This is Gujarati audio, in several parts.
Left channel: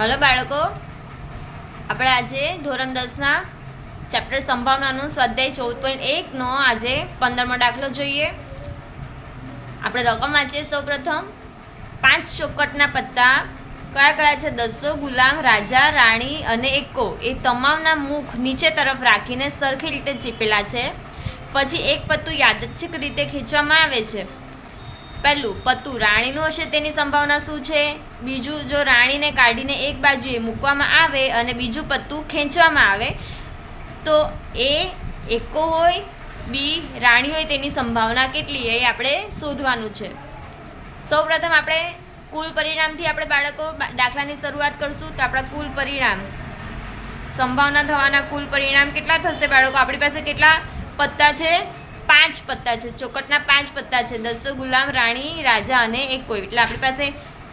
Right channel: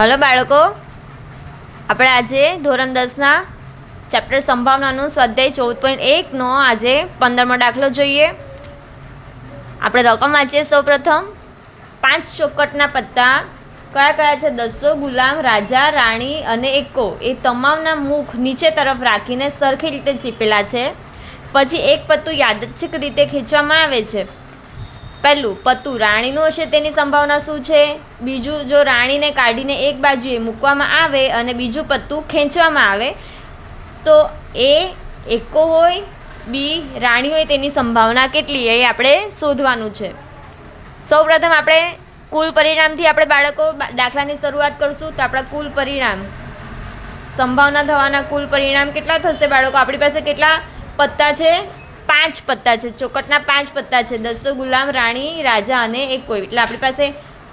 હલો બાળકો, આપણે આજે ધોરણ 10ના ચેપ્ટર સંભાવનાનું સ્વાધ્યાય 14.1નો આજે 15મો દાખલો જોઈએ. આપણે રકમ વાંચીએ. સૌપ્રથમ 5 ચોકટના પત્તા કયા કયા છે? દસો, ગુલામ, રાજા, રાણી અને એકો એ તમામના મુખ નીચે તરફ રાખીને સરખી રીતે ચીપેલા છે. પછી એક પત્તું યાદચ્છિક રીતે ખેંચવામાં આવે છે. પહેલું પત્તું રાણીનું હશે તેની સંભાવના શું છે? બીજું, જો રાણીને કાઢીને એક બાજુએ મૂકવામાં આવે અને બીજું પત્તું ખેંચવામાં આવે તો એ એકો હોય, બી રાણી હોય તેની સંભાવના કેટલી એ આપણે શોધવાનું છે. સૌપ્રથમ આપણે કુલ પરિણામથી આપણે બાળકો દાખલાની શરૂઆત કરશું. તો આપણા કુલ પરિણામ, સંભાવના થવાના કુલ પરિણામ કેટલા થશે બાળકો? આપણી પાસે કેટલા પત્તા છે? 5 પત્તા છે. ચોકટના 5 પત્તા છે. દસો, ગુલામ, રાણી, રાજા અને એકો. એટલે આપણી પાસે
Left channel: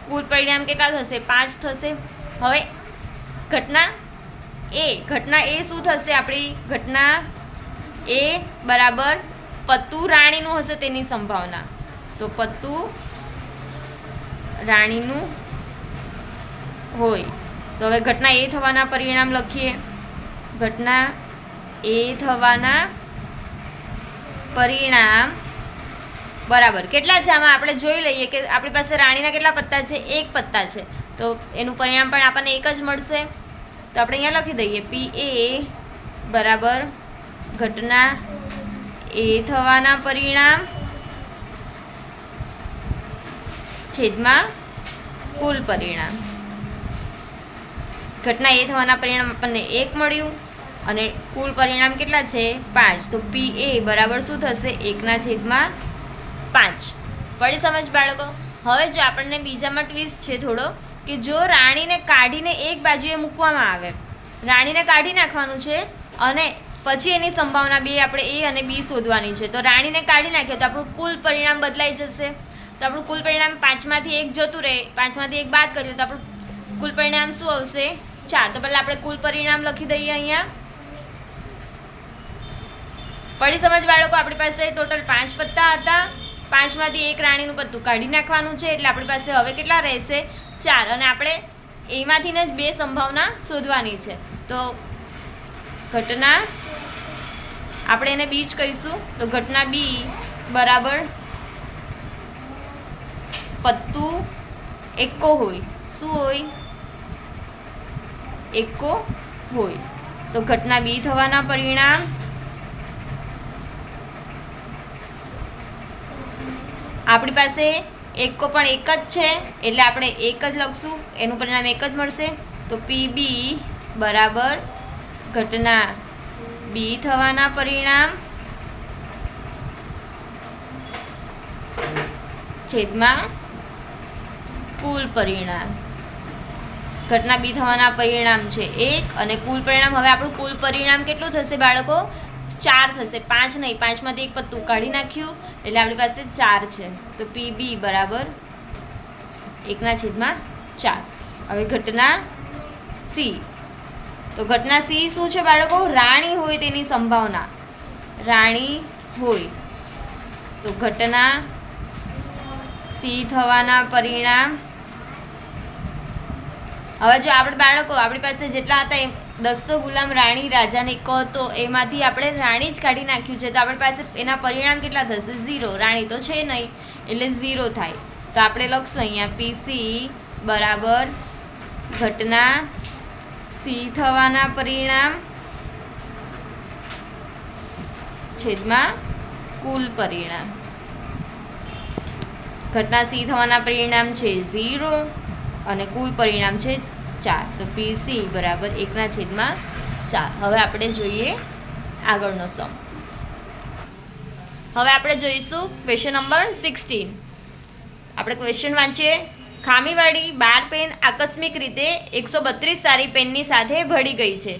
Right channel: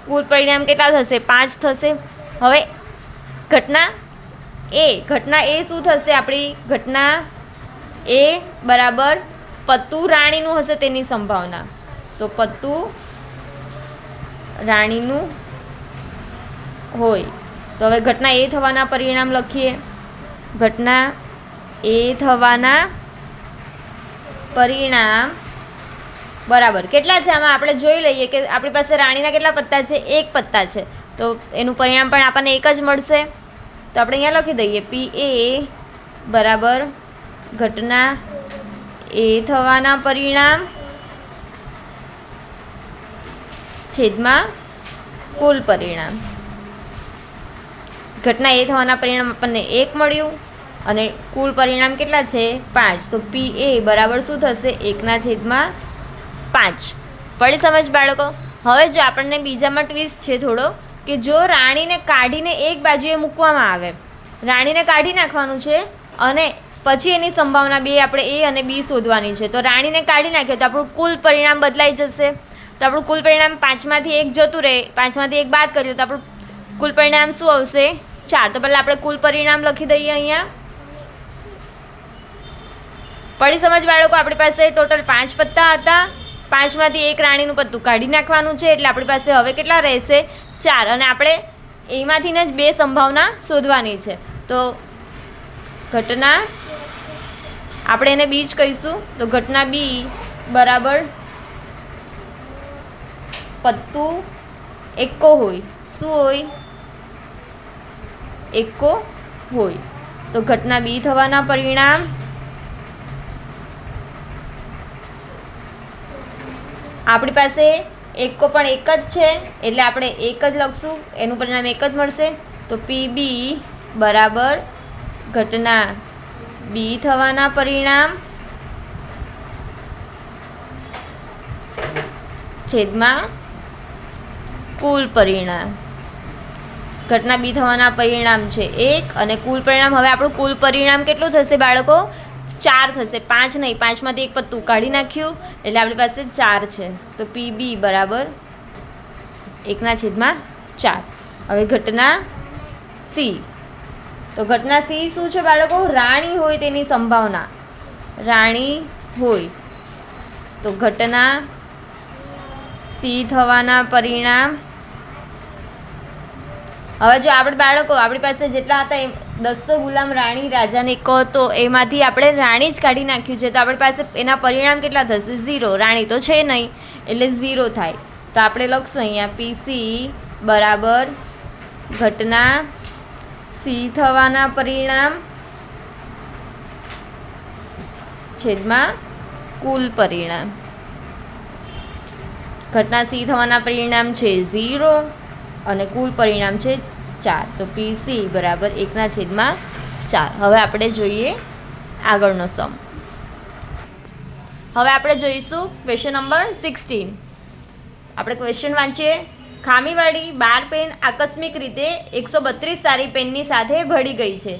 કુલ પરિણામ કેટલા થશે? 5 થશે. હવે ઘટના એ શું થશે? આપણી ઘટના એ બરાબર પત્તું રાણીનું હશે તેની સંભાવના. તો પત્તું રાણીનું હોય તો હવે ઘટના એ થવાના પરિણામ લખીએ. ઘટના એ થવાના પરિણામ બરાબર કેટલા છે? આમાં આપણે જોઈ લઈએ કે આપણી પાસે રાણીના કેટલા પત્તા છે? 1 પત્તા છે. તો એનું પરિણામ પણ આપણને એક જ મળશે. તો આપણે અહીંયા લખી દઈએ પી એ બરાબર ઘટના એ થવાના પરિણામ છેદમાં કુલ પરિણામ. ઘટના એ થવાના પરિણામ આપણને 1 મળ્યું અને કુલ પરિણામ કેટલા છે? 5. તો પી એ બરાબર શું થશે? 1/5. પડી સમજ બાળકો? હવે જો આપણને બીજામાં ટ્વિસ્ટ છે થોડો, કે જો રાણીને કાઢીને એક બાજુએ મૂકવામાં આવે, રાણીને કાઢી નાખવાનું છે અને પછી એની સંભાવના બે આપણે એ અને બી શોધવાની છે. તો રાણીને કાઢી નાખીએ તો આપણું કુલ પરિણામ બદલાઈ જશે. તો આપણું કુલ પરિણામ 5માંથી 1 જતું રહે, 5માંથી 1 બાદ કરીએ તો આપણું કુલ પરિણામ શું આવશે? 4. તો પહેલાં આપણે કુલ પરિણામ લખી દઈએ અહીંયા. પડી સમજ બાળકો? આપણી પાસે ટોટલ 5 પત્તા હતા. 5માંથી 1 રાણીનું પત્તું કાઢી નાખવાનું છે એટલે આપણી પાસે હવે કેટલા રહેશે? 4. અને આપણે એમાંથી જ 2 સંભાવના શોધવાની છે. તો ઘટના આપણે એને બી જ કહીશું. તો ઘટના બી બરાબર પત્તું એકો હોય. શું હોય? એકો હોય. તો ઘટના બી થવાના પરિણામ આપણી પાસે એકો પણ એક જ છે એટલે આપણે એક જ લખશું. એનું પરિણામ એક જ મળશે. તો પી બી બરાબર ઘટના બી થવાના પરિણામ છેદમાં કુલ પરિણામ. ઘટના બી થવાના પરિણામ છે 1 અને કુલ પરિણામ, હવે આપણું કુલ પરિણામ કેટલું થશે બાળકો? 4 થશે. 5 નહીં, 5માંથી 1 પત્તું કાઢી નાખ્યું એટલે આપણી પાસે 4 છે. તો પી બી બરાબર 1/4. હવે ઘટના સી. તો ઘટના સી શું છે બાળકો? રાણી હોય તેની સંભાવના. રાણી હોય તો ઘટના સી થવાના પરિણામ. હવે જો આપણે બાળકો આપણી પાસે જેટલા હતા એ દસો, ગુલામ, રાણી, રાજાને એકો હતો એમાંથી આપણે રાણી જ કાઢી નાખ્યું છે. તો આપણી પાસે એના પરિણામ કેટલા થશે? 0. રાણી તો છે નહીં એટલે 0 થાય. તો આપણે લખશું અહીંયા પીસી બરાબર ઘટના સી થવાના પરિણામ છેદમાં કુલ પરિણામ. ઘટના સી થવાના પરિણામ છે 0 અને કુલ પરિણામ છે 4. તો પીસી બરાબર 1/4. હવે આપણે જોઈએ આગળનો સમ. હવે આપણે જોઈશું ક્વેશ્ચન નંબર 16. આપણે ક્વેશ્ચન વાંચીએ. ખામીવાળી 12 પેન આકસ્મિક રીતે 132 સારી પેનની સાથે ભળી ગઈ છે.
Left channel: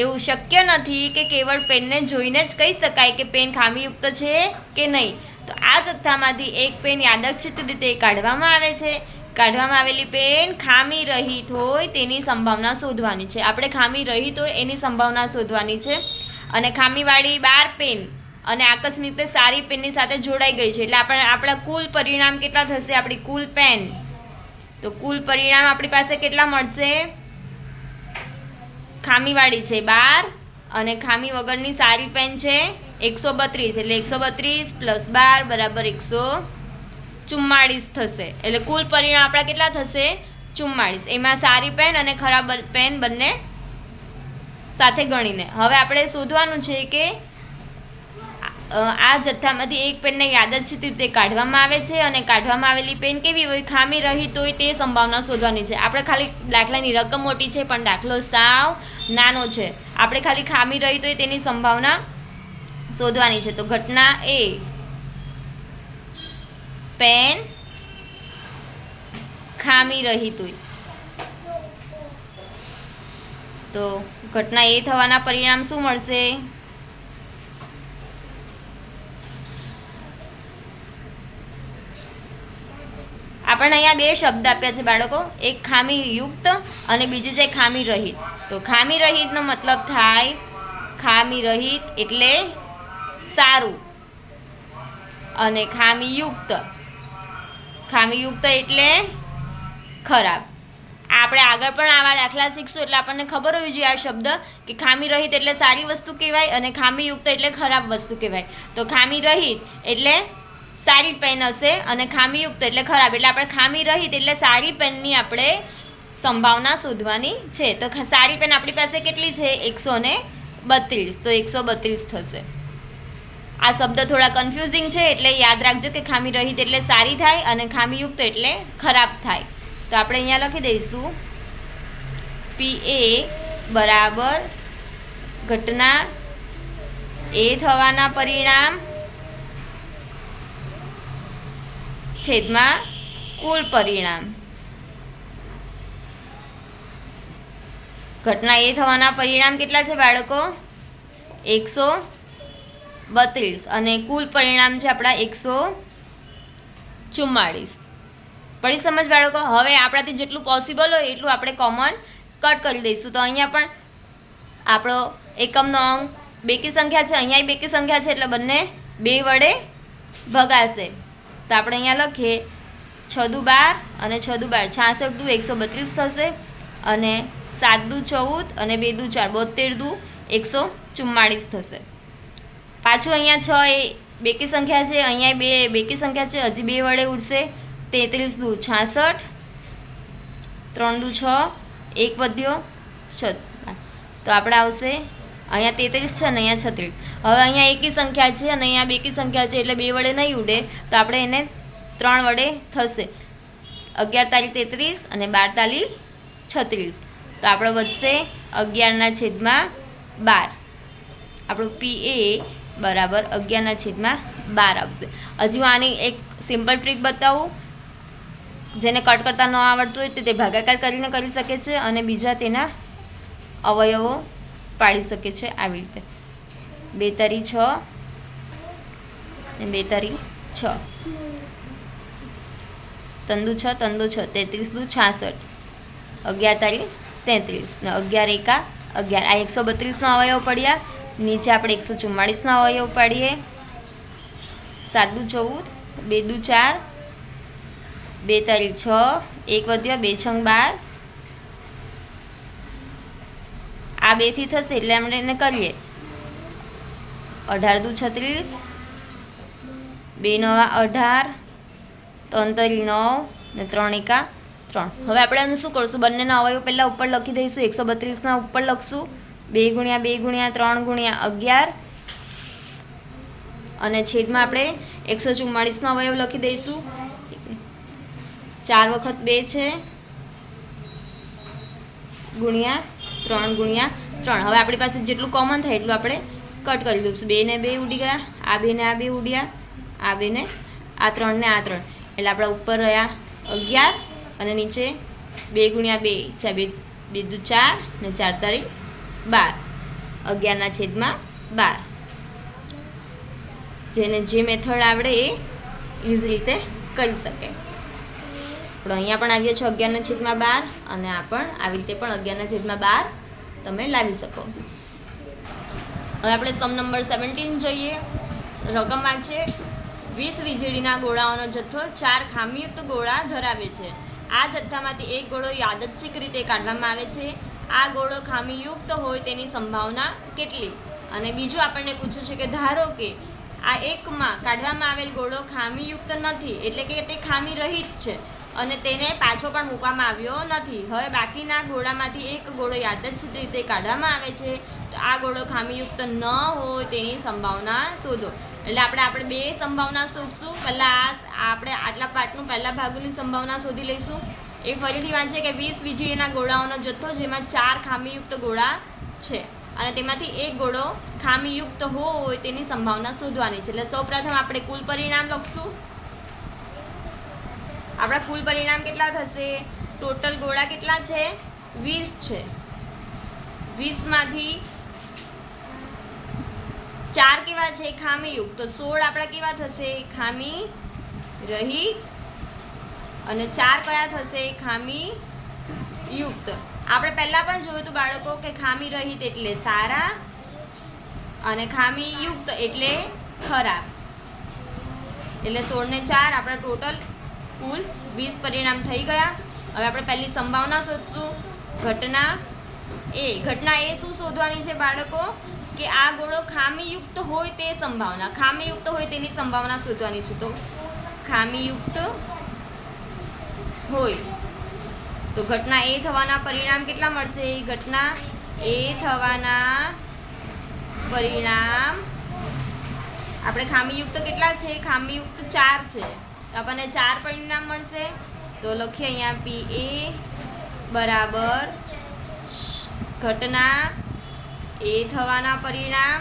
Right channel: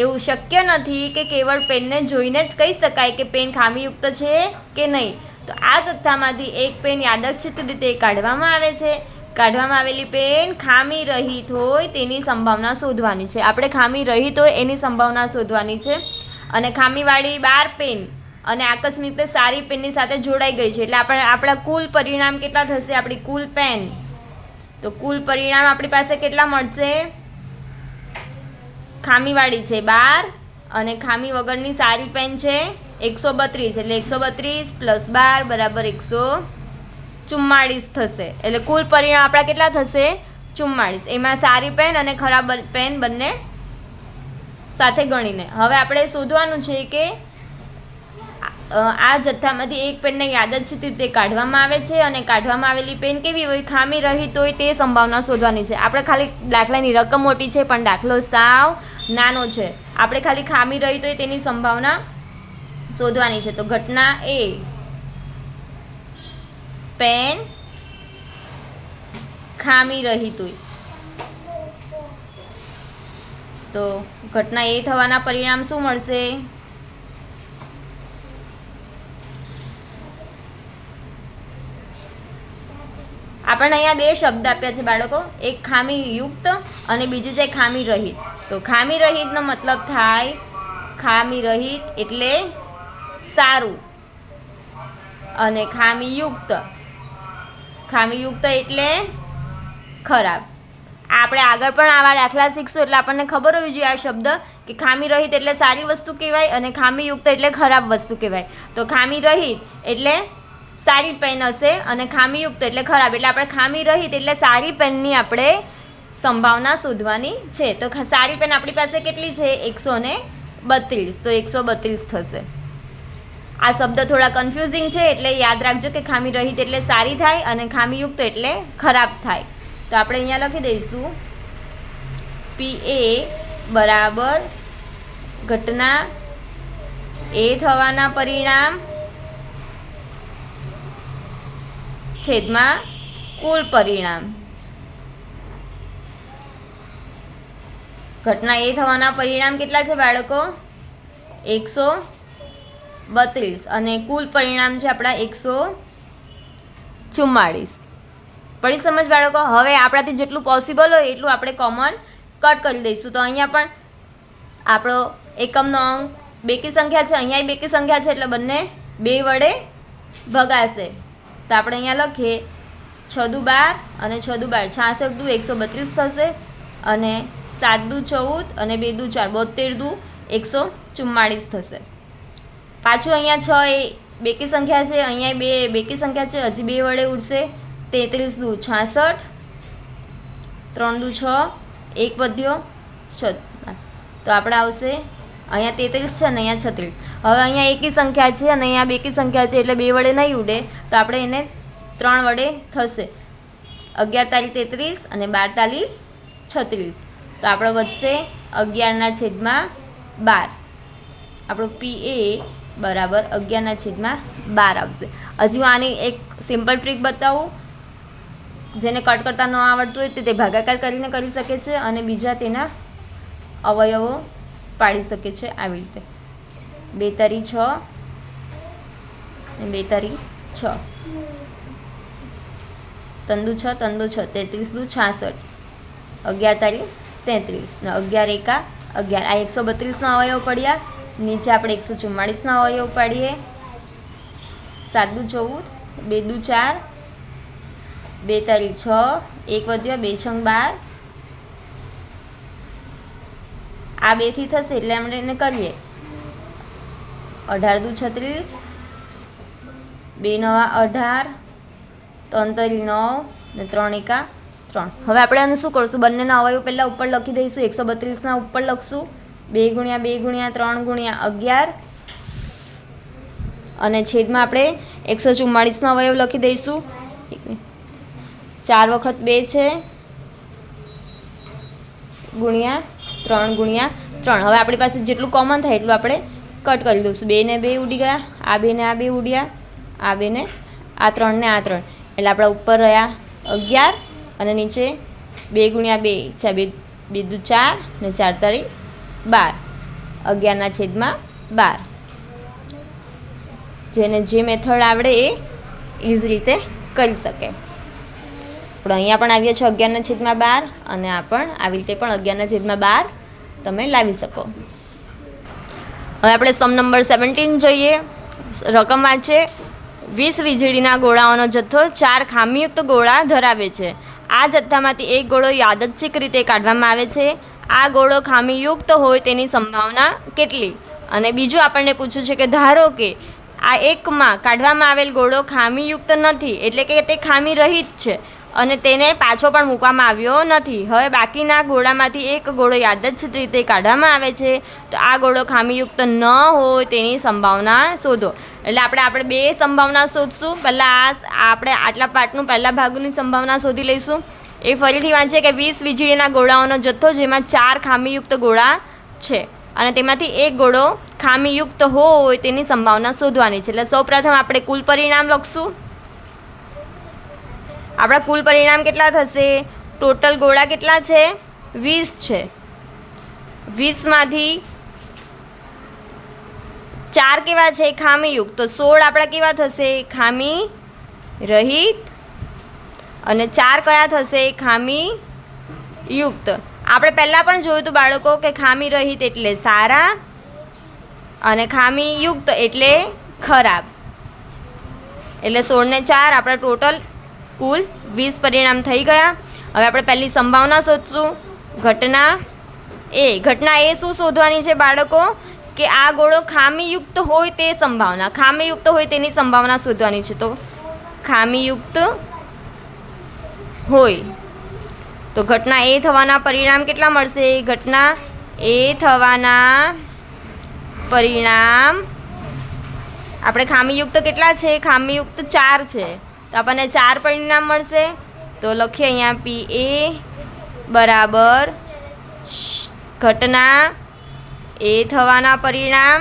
એવું શક્ય નથી કે કેવળ પેનને જોઈને જ કહી શકાય કે પેન ખામીયુક્ત છે કે નહીં. તો આ જથ્થામાંથી એક પેન યાદચ્છિક રીતે કાઢવામાં આવે છે. કાઢવામાં આવેલી પેન ખામી રહિત હોય તેની સંભાવના શોધવાની છે. આપણે ખામી રહિત હોય એની સંભાવના શોધવાની છે. અને ખામીવાળી 12 પેન અને આકસ્મિક રીતે સારી પેનની સાથે જોડાઈ ગઈ છે એટલે આપણા કુલ પરિણામ કેટલા થશે? આપણી કુલ પેન. તો કુલ પરિણામ આપણી પાસે કેટલા મળશે? ખામીવાળી છે 12 અને ખામી વગરની સારી પેન છે 132, એટલે 132 + 12 બરાબર 144 થશે. એટલે કુલ પરિણામ આપણા કેટલા થશે? 44. એમાં સારી પેન અને ખરાબ પેન બંને સાથે ગણીને. હવે આપણે શોધવાનું છે કે આ જથ્થામાંથી એક પેનને યાદચ્છિક રીતે કાઢવામાં આવે છે અને કાઢવામાં આવેલી પેન કેવી હોય? ખામી રહિત હોય તે સંભાવના શોધવાની છે. આપણે ખાલી દાખલાની રકમ મોટી છે પણ દાખલો સાવ નાનો છે. આપણે ખાલી ખામી રહિત હોય તેની સંભાવના શોધવાની છે. તો ઘટના એ પેન ખામી રહિત હોય તો ઘટના એ થવાના પરિણામ શું મળશે? આપણને અહીંયા બે શબ્દ આપ્યા છે બાળકો, એક ખામીયુક્ત અને બીજું છે ખામી રહિત. તો ખામી રહિતનો મતલબ થાય ખામી રહિત એટલે સારું અને ખામીયુક્ત એટલે ખરાબ. આપણે આગળ પણ આવા દાખલા શીખશું એટલે આપણને ખબર હોવી જોઈએ આ શબ્દ કે ખામી રહિત એટલે સારી વસ્તુ કહેવાય અને ખામીયુક્ત એટલે ખરાબ વસ્તુ કહેવાય. તો ખામી રહિત એટલે સારી પેન હશે અને ખામીયુક્ત એટલે ખરાબ. એટલે આપણે ખામી રહિત એટલે સારી પેનની આપણે સંભાવના શોધવાની છે. તો સારી પેન આપણી પાસે કેટલી છે? 132. તો 132 થશે. આ શબ્દ થોડા કન્ફ્યુઝિંગ છે એટલે યાદ રાખજો કે ખામી રહિત એટલે સારી થાય અને ખામીયુક્ત એટલે ખરાબ થાય. તો આપણે અહીંયા લખી દઈશું PA બરાબર ઘટના એ થવાના પરિણામ છેદમાં કુલ પરિણામ. ઘટના એ થવાના પરિણામ કેટલા છે બાળકો? 132 અને કુલ પરિણામ છે આપણા 144. પડી સમજ બાળકો? હવે આપણાથી જેટલું પોસિબલ હોય એટલું આપણે કોમન કટ કરી દઈશું. તો અહીંયા પણ આપણો એકમનો અંક બેકી સંખ્યા છે, અહીંયા બેકી સંખ્યા છે એટલે બંને 2 વડે ભગાશે. તો આપણે અહીંયા લખીએ 6 દુ 12 અને 6 દુ 12 66 દુ 132 થશે અને 7 દુ 14 અને 2 દુ 4 72 દુ 144 થશે. પાછું અહીંયા 6 એ બેકી સંખ્યા છે, અહીંયા 2 બેકી સંખ્યા છે, હજી 2 વડે ઉડશે. 33 દુ 66, 3 દુ 6, 1 વધ્યો 6. તો આપણે આવશે અહીંયા 33 છે અને અહીંયા 36. હવે અહીંયા એકી સંખ્યા છે અને અહીંયા બેકી સંખ્યા છે એટલે 2 વડે નહીં ઉડે તો આપણે એને 3 વડે થશે. 11 તાલી 33 અને 12 તાલી 36. તો આપણે વધશે 11/12. આપણું PA બરાબર 11/12 આવશે. હજુ આની એક સિમ્પલ ટ્રીક બતાવું. જેને કટ કરતા ન આવડતું હોય તો તે ભાગાકાર કરીને કરી શકે છે અને બીજા તેના અવયવો પાડી શકે છે આવી રીતે. 2 તારી 6 અને 2 તારી 6, 3 દુ 6, 3 દુ 6, 33 દુ 66, 11 તારી 33 ને 11 એકા 11. આ 132નો અવયવ પડ્યા. નીચે આપણે 144નો અવયવ પાડીએ. 7 દુ 14, 2 દુ 4, 2 તારી 6, 1 વધ્યો 2 છંગ 12. આ 2 થી થશે એટલે આપણે એને કરીએ. 18 દુ 36, 2 નવા 18, 3 તારી 9 ને 3 એકા 3. હવે આપણે એનું શું કરશું? બંનેના અવયવ પહેલાં ઉપર લખી દઈશું. 132ના ઉપર લખશું 2 ગુણ્યા 2 ગુણ્યા 3 ગુણ્યા 11 અને છેદમાં આપણે 144નો અવયવ લખી દઈશું. 4 વખત 2 છે ગુણ્યા 3 ગુણ્યા 3. હવે આપણી પાસે જેટલું કોમન થાય એટલું આપણે કટ કરી દઈશું. 2 ને 2 ઉડી ગયા, આ 2 ને આ 2 ઉડ્યા, આ 2 ને આ 3 ને આ 3. એટલે આપણા ઉપર રહ્યા 11 અને નીચે 2 ગુણ્યા 2 છે 2 દુ 4 ને 4 તારી 12. 11/12. જેને જે મેથડ આવડે એ ઇઝી રીતે કરી શકે. આપણે અહીંયા પણ આવીએ છીએ 11/12 અને આ પણ આવી રીતે પણ 11/12 તમે લાવી શકો. હવે આપણે સમ નંબર 17 જોઈએ. રકમ આ છે 20 વીજળીના ગોળાઓનો જથ્થો 4 ખામીયુક્ત ગોળા ધરાવે છે. આ જથ્થામાંથી એક ગોળો યાદચ્છિક રીતે કાઢવામાં આવે છે. આ ગોળો ખામીયુક્ત હોય તેની સંભાવના કેટલી? અને બીજું આપણને પૂછ્યું છે કે ધારો કે આ એકમાં કાઢવામાં આવેલ ગોળો ખામીયુક્ત નથી, એટલે કે તે ખામી રહિત છે અને તેને પાછો પણ મૂકવામાં આવ્યો નથી. હવે બાકીના ગોળામાંથી એક ગોળો યાદચ્છિક રીતે કાઢવામાં આવે છે, તો આ ગોળો ખામીયુક્ત ન હોય તેની સંભાવના શોધો. એટલે આપણે બે સંભાવના શોધશું. પહેલાં આપણે આટલા પાર્ટનું પહેલા ભાગની સંભાવના શોધી લઈશું. એ ફરીથી વાંચીએ કે 20 વીજળીના ગોળાઓનો જથ્થો જેમાં 4 ખામીયુક્ત ગોળા છે અને તેમાંથી એક ગોળો ખામીયુક્ત હોય તેની સંભાવના શોધવાની છે. એટલે સૌપ્રથમ આપણે કુલ પરિણામ લખશું. આપણા કુલ પરિણામ કેટલા થશે? ટોટલ ગોળા કેટલા છે? 20 છે. 20માંથી 4 કેવા છે? ખામીયુક્ત. તો 16 આપણા કેવા થશે? ખામી રહિત. અને 4 કયા થશે? ખામી યુક્ત. આપણે પહેલાં પણ જોયું હતું બાળકો કે ખામી રહિત એટલે સારા અને ખામી યુક્ત એટલે ખરાબ. એટલે 16 ને 4 આપણા ટોટલ કુલ 20 પરિણામ થઈ ગયા. હવે આપણે પહેલી સંભાવના શોધશું. ઘટના એ શું શોધવાની છે બાળકો? કે આ ગોળો ખામીયુક્ત હોય તે સંભાવના, ખામીયુક્ત હોય તેની સંભાવના શોધવાની છે. તો ખામીયુક્ત હોય તો ઘટના એ થવાના પરિણામ કેટલા મળશે? ઘટના એ થવાના પરિણામ આપણે ખામીયુક્ત કેટલા છે? ખામીયુક્ત 4 છે, તો આપણને 4 પરિણામ મળશે. તો લખીએ અહીંયા PA બરાબર ઘટના એ થવાના પરિણામ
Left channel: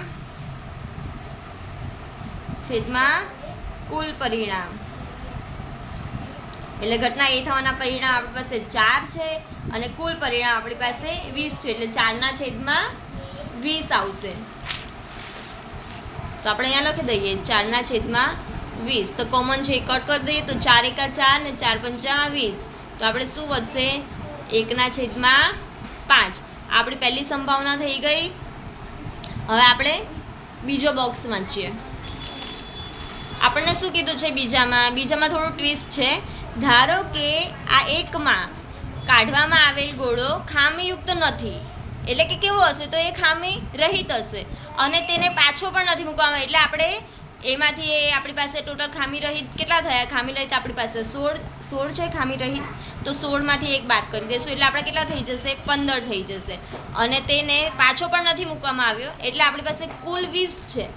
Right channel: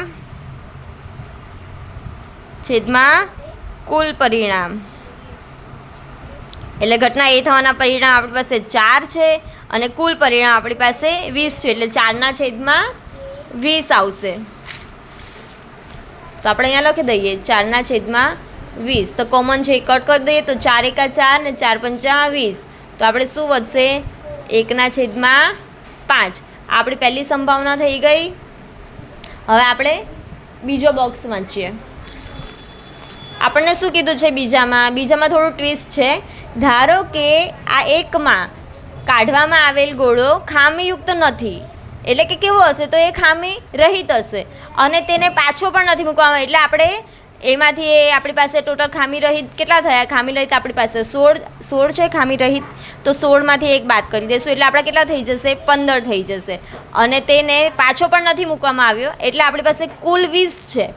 છેદમાં કુલ પરિણામ. એટલે ઘટના એ થવાના પરિણામ આપણી પાસે 4 છે અને કુલ પરિણામ આપણી પાસે 20 છે, એટલે 4ના છેદમાં 20 આવશે. તો આપણે અહીંયા લખી દઈએ 4ના છેદમાં 20. તો કોમન છે કટ કરી દઈએ તો 4 એકા 4 ને 4 પંચા 20. તો આપણે શું વધશે? 1ના છેદમાં 5. આપણી પહેલી સંભાવના થઈ ગઈ. હવે આપણે બીજો બોક્સ વાંચીએ. આપણને શું કીધું છે બીજામાં થોડું ટ્વિસ્ટ છે. ધારો કે આ એકમાં કાઢવામાં આવેલ ગોળો ખામીયુક્ત નથી, એટલે કે કેવો હશે? તો એ ખામી રહિત હશે અને તેને પાછો પણ નથી મૂકવામાં. એટલે આપણે એમાંથી આપણી પાસે ટોટલ ખામી રહિત કેટલા થયા? ખામી રહિત આપણી પાસે 16 છે ખામી રહિત. તો 16માંથી એક બાદ કરી દઈશું એટલે આપણા કેટલા થઈ જશે? 15 થઈ જશે અને તેને પાછો પણ નથી મૂકવામાં આવ્યો, એટલે આપણી પાસે કુલ 20 છે.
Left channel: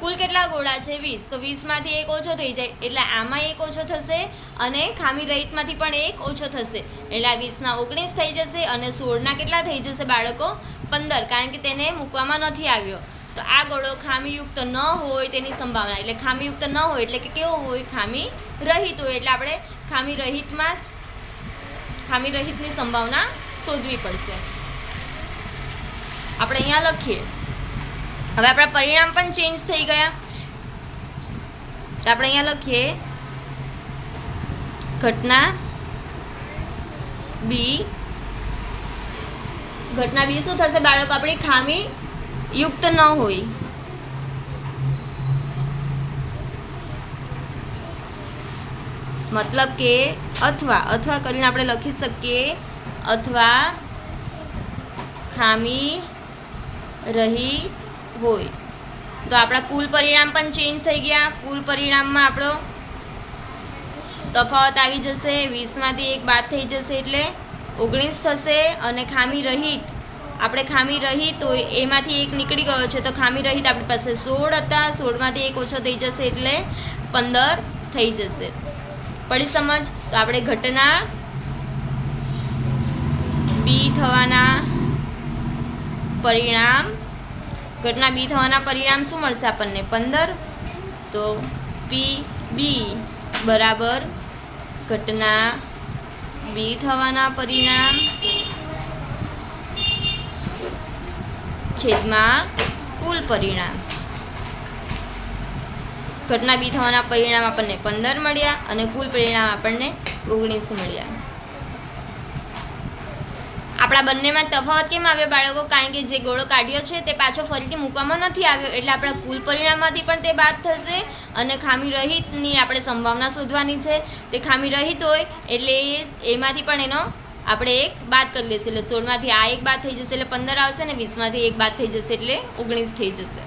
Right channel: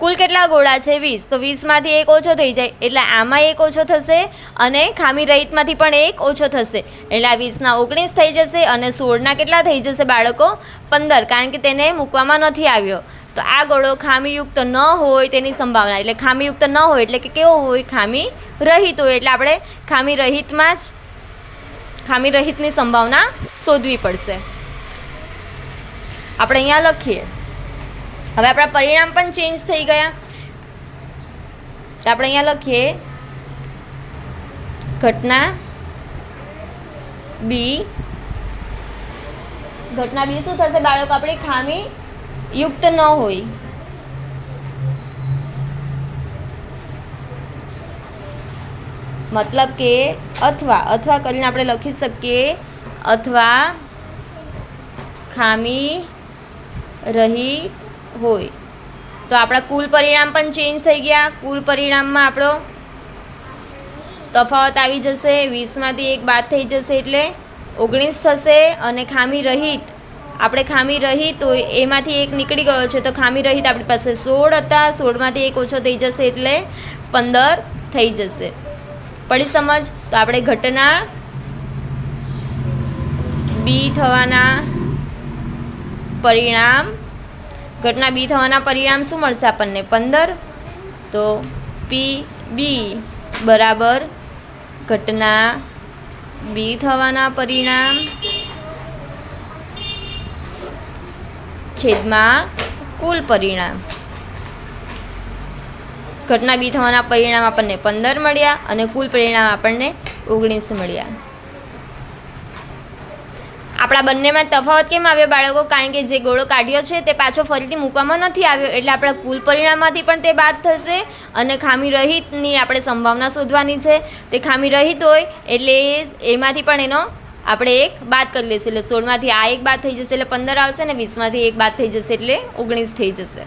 કુલ કેટલા ગોળા છે? 20. તો 20માંથી એક ઓછો થઈ જાય એટલે આમાં એક ઓછો થશે અને ખામી રહિતમાંથી પણ એક ઓછો થશે. એટલે આ 20ના 19 થઈ જશે અને 16ના કેટલા થઈ જશે બાળકો? 15, કારણ કે તેને મૂકવામાં નથી આવ્યો. તો આ ગોળો ખામીયુક્ત ન હોય તેની સંભાવના, એટલે ખામીયુક્ત ન હોય એટલે કે કેવો હોય? ખામી રહિત હોય. એટલે આપણે ખામી રહિતમાં જ ખામી રહિતની સંભાવના શોધવી પડશે. આપણે અહીંયા લખીએ. હવે આપણા પરિણામ પણ ચેન્જ થઈ ગયા. તો આપણે અહીંયા લખીએ ઘટના બી શું થશે બાળકો? આપણી ખામી યુક્ત ન હોય. મતલબ કે અથવા કરીને આપણે લખી શકીએ અથવા ખામી રહિત હોય. તો આપણા કુલ પરિણામ પણ ચેન્જ થઈ ગયા. કુલ પરિણામમાં આપણો તફાવત આવી જશે. 20માંથી એક બાદ થઈ જશે એટલે 19 થશે અને ખામી રહિત આપણે ખામી રહિત હોય એમાંથી એક નીકળી ગયો છે, તો ખામી રહિત આપણી પાસે 16 હતા. 16માંથી એક ઓછો થઈ જશે એટલે 15 થઈ જશે. પડી સમજ? તો આપણે ઘટના બી થવાના પરિણામ શું મળશે આપણને? 15. તો PB બરાબર ઘટના બી થવાના પરિણામ છેદમાં કુલ પરિણામ. ઘટના બી થવાના પરિણામ આપણને 15 મળ્યા અને કુલ પરિણામ આપણને 19 મળ્યા. આપણા બંનેમાં તફાવત કેમ આવ્યો બાળકો? કારણ કે જે ગોળો કાઢ્યો છે તે પાછો ફરીથી મૂકવામાં નથી આવ્યો, એટલે આપણા કુલ પરિણામમાંથી પણ તે બાદ થશે અને ખામી રહિતની આપણે સંભાવના શોધવાની છે. તે ખામી રહિત હોય એટલે એમાંથી પણ એનો આપણે એક બાદ કરી લઈશું એટલે 16માંથી આ એક બાદ થઈ જશે એટલે 15 આવશે ને 20માંથી એક બાદ થઈ જશે એટલે 19 થઈ જશે.